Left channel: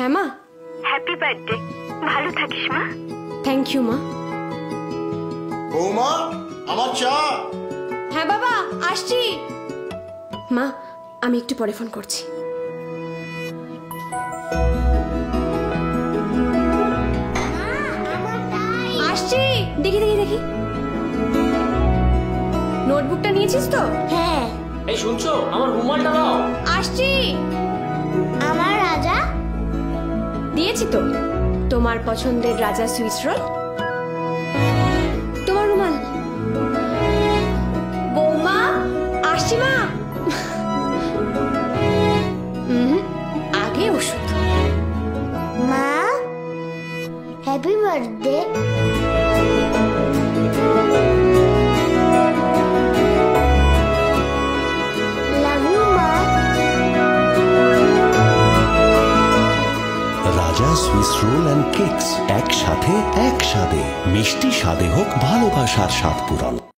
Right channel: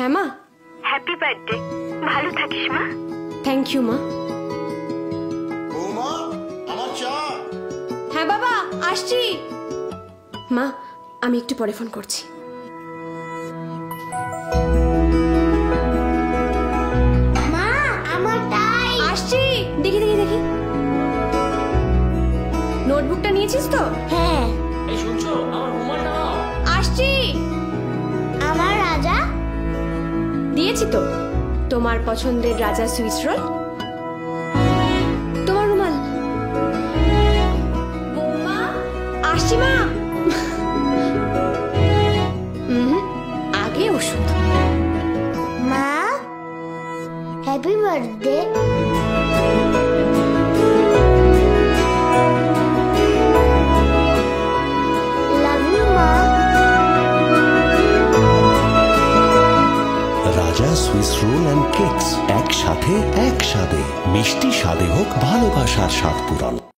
হ্যাঁ মা। Happy birthday, ভালো থাকিস মা। থ্যাংক ইউ মা। বৌমা, আমার চা। হ্যাঁ বাবা, আসছি। মা, আমি একটু পরে ফোন করছি। মা, আমার টাই। আসছি। দেখি দেখি দেখি, নোটবুকটা নিয়েছিস তো? হ্যাঁ। এই শুনছো, আমার রুমালটা দাও। আসছি। আমার রাজা দিয়েছি তো, তোমার পছন্দের রাজা সুইস রোল। তোমার রুমাল। বৌমা, আসছি মা। আগে ওষুধ। মা, হ্যাপি বার্থডে। লাভ ইউ মা। রাজা সুইস রোল অ্যান্ড কেকস, একসাথে এক স্বাদে, মিষ্টি স্বাদে হোক ভালোবাসার স্বাদ পূরণ।